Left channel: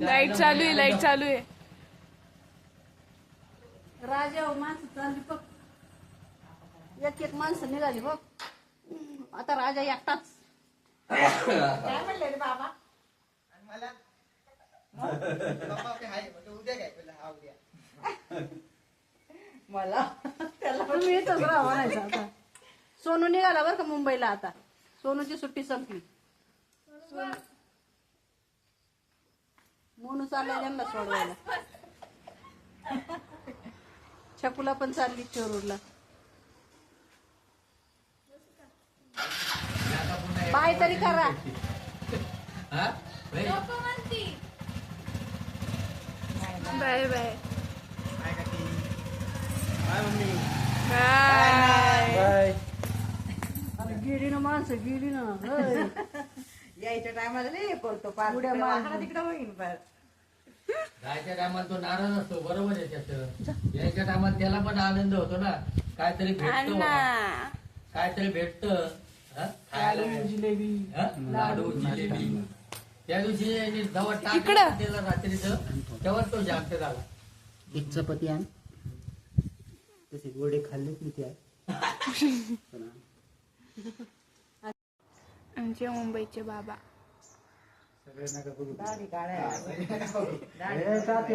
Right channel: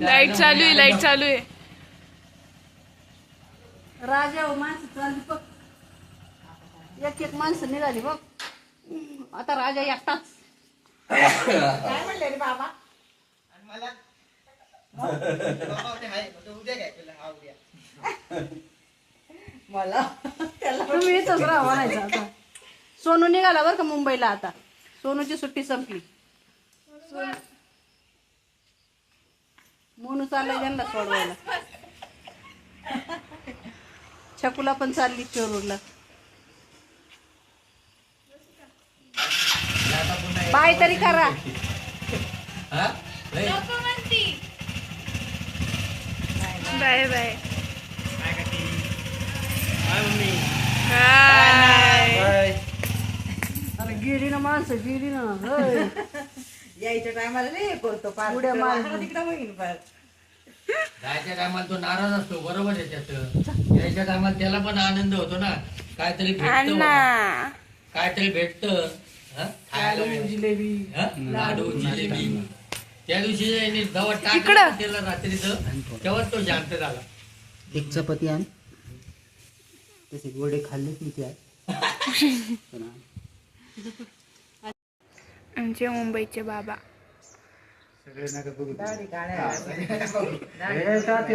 Light चालू आहे light चालू आहे. राजा हो माणसं चालली बघ. एक एक माणसं निघाली बघ. आता राजा एकटाच. काय म्हणले रे बाबा? आणि मला बाबा म्हणे, हाय म्हणजे उद्या काय पहिला हा उद्या मला त्याला तुम्ही इथंच राहा म्हणायचं आता. सोनू निघाला बरं का मुंबईला आता? सोनूची सुट्टी संपली. मोनू चाललाय त्यांना सोडवायला. छकुला पण चालली चोरूरला बाय तरी करा. बाय. बाय. बाय. अरे गेली ना माणसं गेली ना. होय. यायच्या टायमाला नाही करतो पार उड्या मार. तिकडे होईन पार जायच्या टायमाला तो नाराज असतो बरोबर आहे त्याचं. यायच्या टायमाला त्याला पण आनंद होतो ना. काहीतरी भेटत अण्णा. काहीतरी भेटत. खायला जिलेबी. हं? लाडू. जिलेबी. त्या दिवशी यांनी इकडं. टाकलं त्याला रात्रीचं तेव्हा तो शांत झाला एक चपाती आण. तसे गोडे खाल्ले की त्या आमचे मुंबईचे बाबा. हे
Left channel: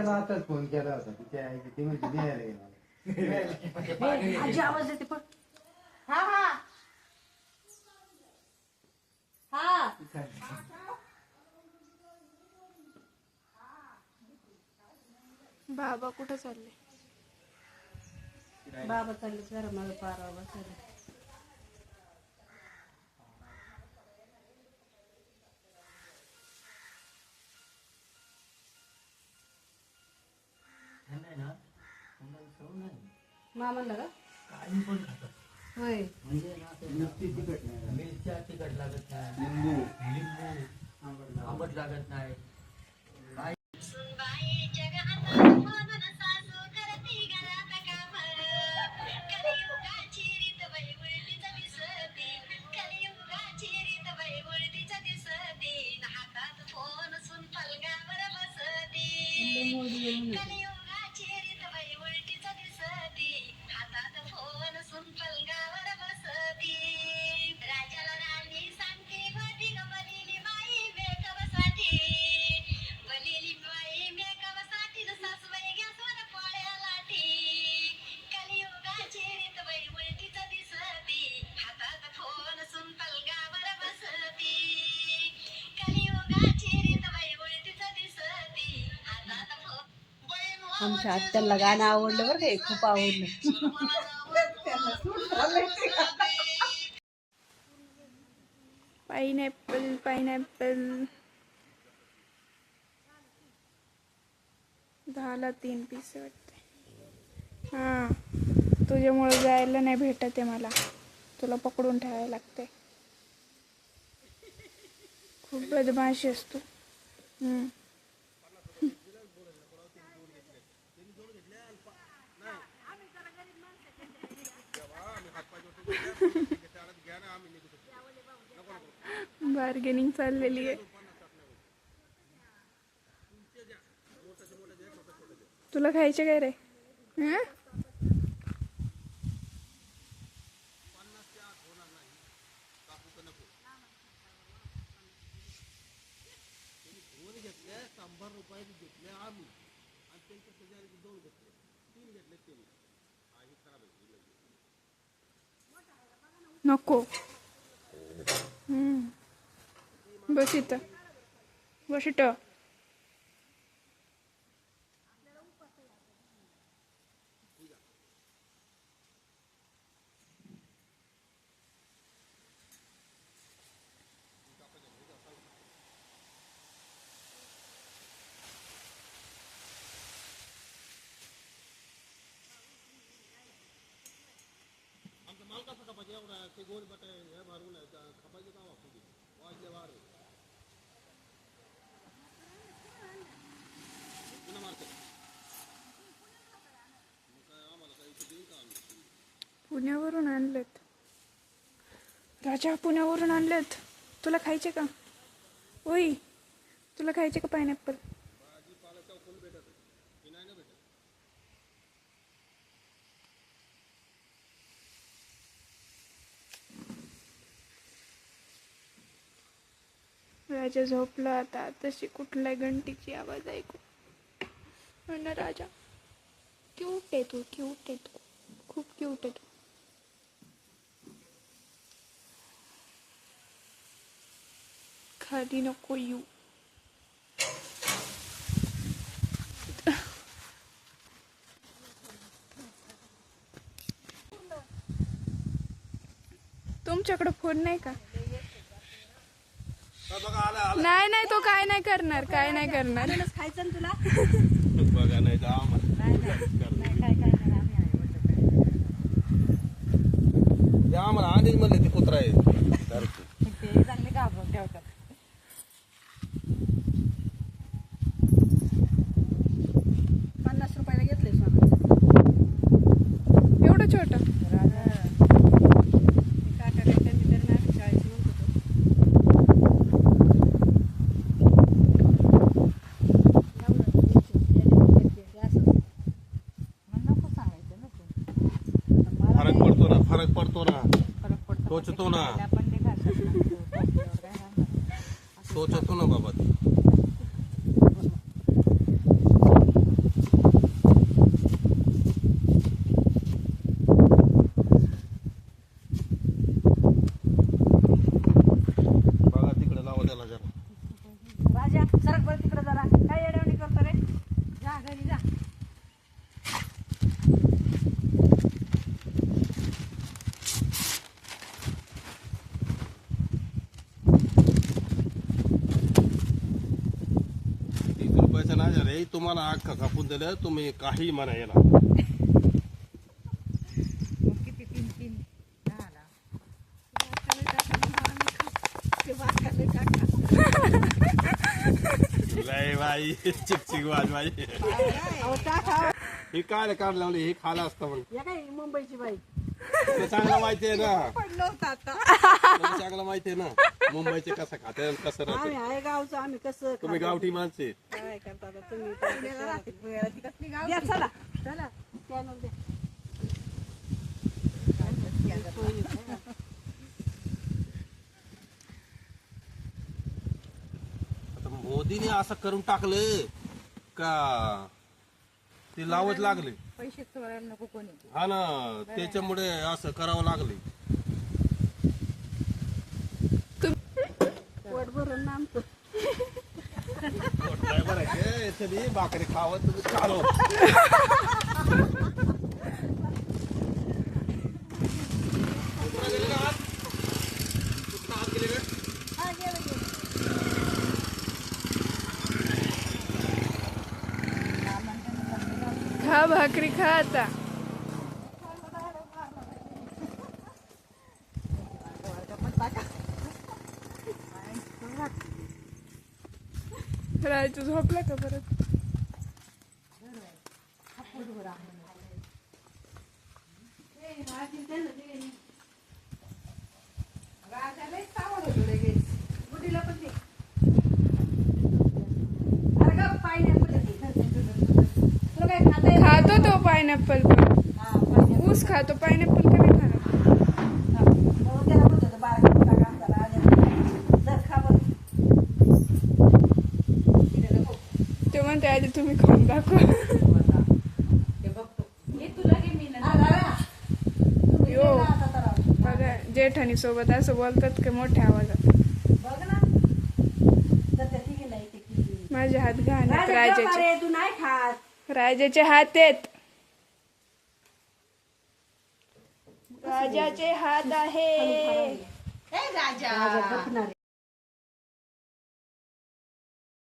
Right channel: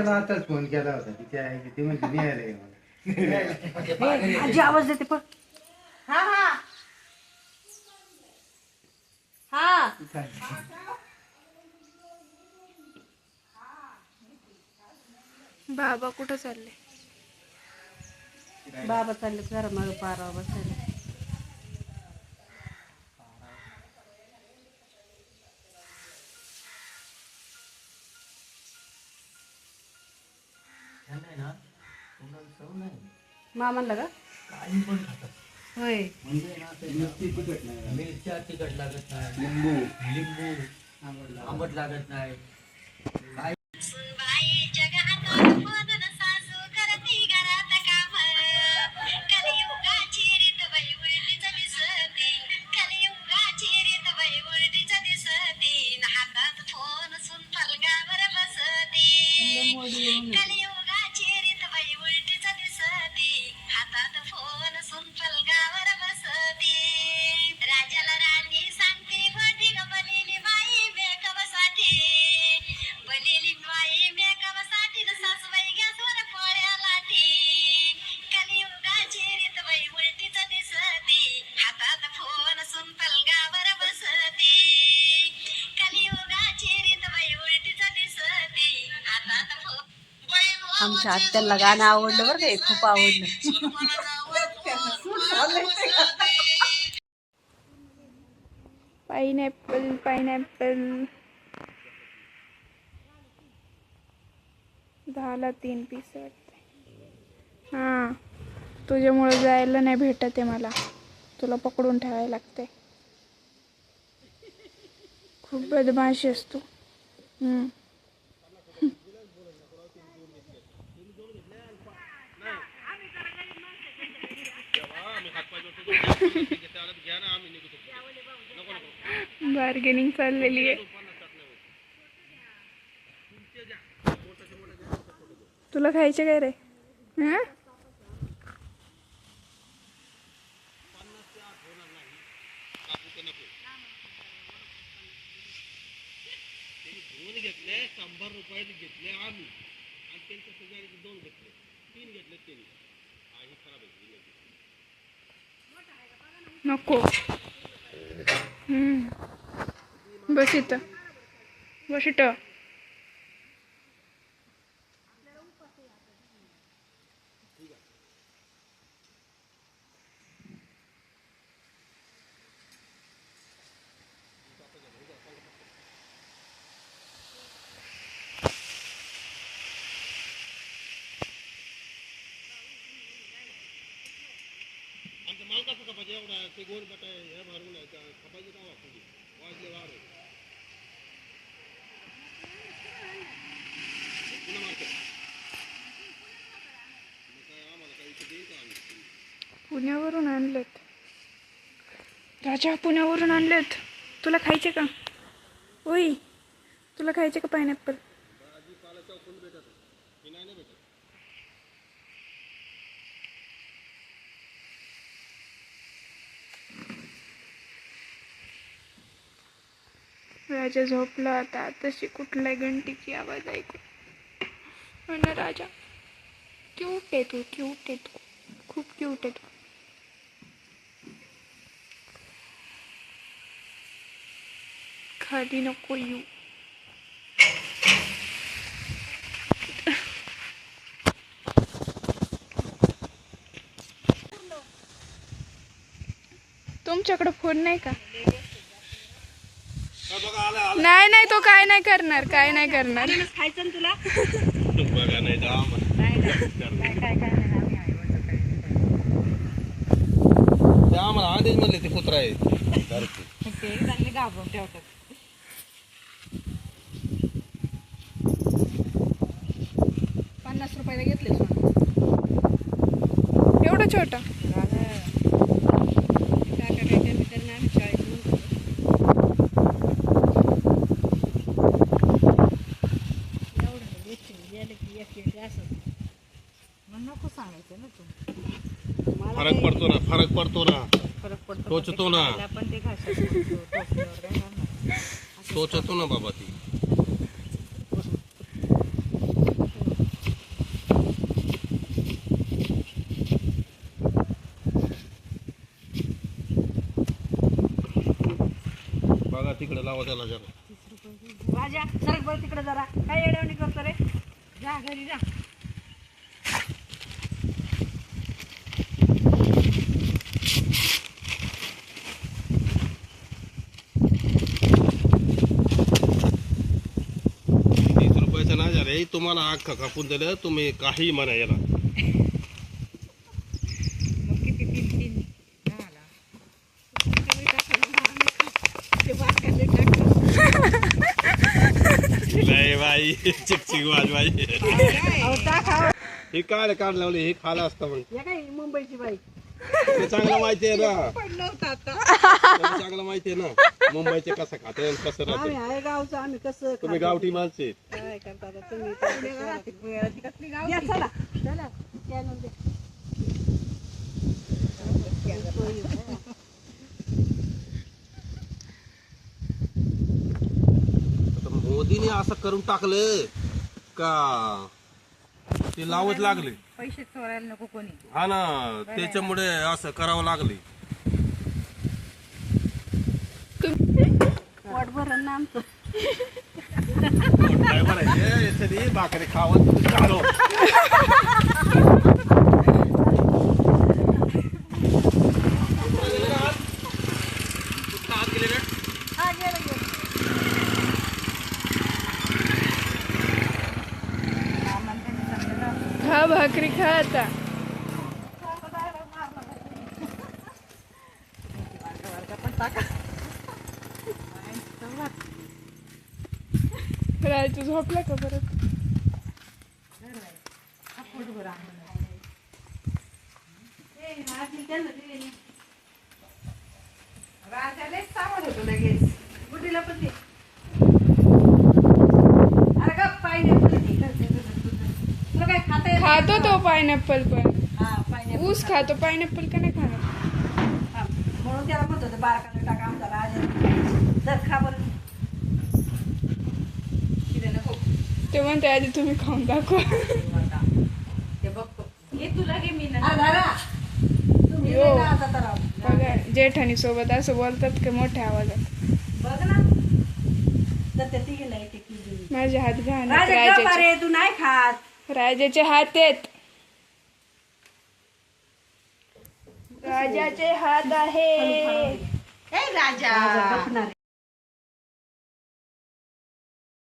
आताच फोन केला होता. ती म्हणजे निघाले आहे. आजी आवाज देते पण हा हा. हा. बाबा कुठं चालले? बाबा चालले घर मला पारा बसायला मामाला का? काही पण खातात. होय. म्हणजे नुसती तिखट नाही. मिरच्या तिखट लागत नाही. लिंबू. लिंबू. आंबट लागत नाही. आमच्या आत्याला गाणं आवडलं बरं का खूप आवडलं. पाइनएप्पल पाइनएप्पल दहाला तीन पीस हां तुझ्यामुळं जायला नाही भेटत आहे मला. तुला पकडून ठेवायला लागते खूप बदमाशी असतो हम्म. बार्गेनिंग चाललेली आहे. तुला खायचे काय रे? हां? घेतले शंभर रुपये घेतले आम्ही आणि त्यांच्या शेजारी दोन घेतले तीन घेतले त्यांनी हा खराब आहे नको. हम्म. बस इथं बस इथं आमच्या माल कसं खपायचे एवढा ते गोड बटा हे भरून आहे, त्या खपायचे का वापरली वाजले वार. पुण्यावरून आणलेत. राजा पुण्यावरून आणलेत. तुला खायचे का? ओय तुला खायचे का पायनॅपल राजा झोपला आता. तशी कुठल्या घंटीची आवाज ऐकू? ना राजा क्यूट आहे तू क्यूट आहे तू. खूप क्यूट आहे तू. खाली नको येऊ. तुमच्याकडे फोन नाही का? बघा आला नाही नाही तो काय नाही करणार काय नाही करणार खायचं ना तुला बघा नाही तर आम्हाला ते आम्हाला आधीच म्हणले ते कुत्रा आहे. चांगले घाबरून ठेवतात. पन्नास रुपयाला घेतले सोनं. एवढं छोटं काका काय कमी तर नाही आम्ही चाळीस म्हणतो एवढं एक एक एक एक असं मग नको सांगायचं ना तू फरक पडतो ना फरक पडतो ना. टोचतो ना. आपण ते घासायचं टोचतो ना बाबा ती बघा तिकडे लावा त्याला जरा राजा सरक बरं तिकडे जरा काय येडवणी करतो रे जा घरी जा तीस झालं तुम्हाला अख्खा कापून दिलं तुम्ही काही म्हणा याला मग किती तीन तीन झाला. ते वाटकाले टाका लय बाई चिकचिक वाज बाई. अहो टाका. हे काय काढ लावले हे खाला असतं मग या काय मुंबईची बाई? ते चांगलं माहिती आहे ना. पडलं होतं आता. त्याला चांगलं माहिती आहे ना. मुंबईचे कसं खाते आणि कसं आम्ही राहते आहे गावचं आम्ही कसं तुम्ही खातो. गावठी माणसे. आहेत. काय करता आता तुम्ही? काय करता? ती कसली गाव या चला. चला. कॅनल दे. आता मोदीने असं करून टाकलं का? ते लावत लागले. पैसे चोरायला नको कोणी. हा ना त्याच्यामुळे असं करावं लागले पोट भरण ना आमचं. भाकरी खावत का खा भाकरी खा आता. राहायचं झोपला का परत? राजालाच होतो लगेच. गुडीला पण दे. अरे गप्पा काय खाता तो पायनॅपल पण. हा ऊस खातो पायनॅपल का नाही खाणार हा, म्हणून त्याला म्हणत होतं बारा किलो टाका आमचा राजा जर खा बरं. तिथे नको. ते म्हणते आधी तुम्ही खाऊन दाखवा. ते बघतो. घे तुला घे मी दादा. तुम्ही यो. नाही तर बघा जेठानी सोबत असं बोलतात का मोठ्या आवाजात? बघ ना. तर येते किती माझे हात घाण आहेत राजा गप राजाचे. अरे तू नाही खात. राजाचे हात आहेत. राजाचे हात आहे ए राजा.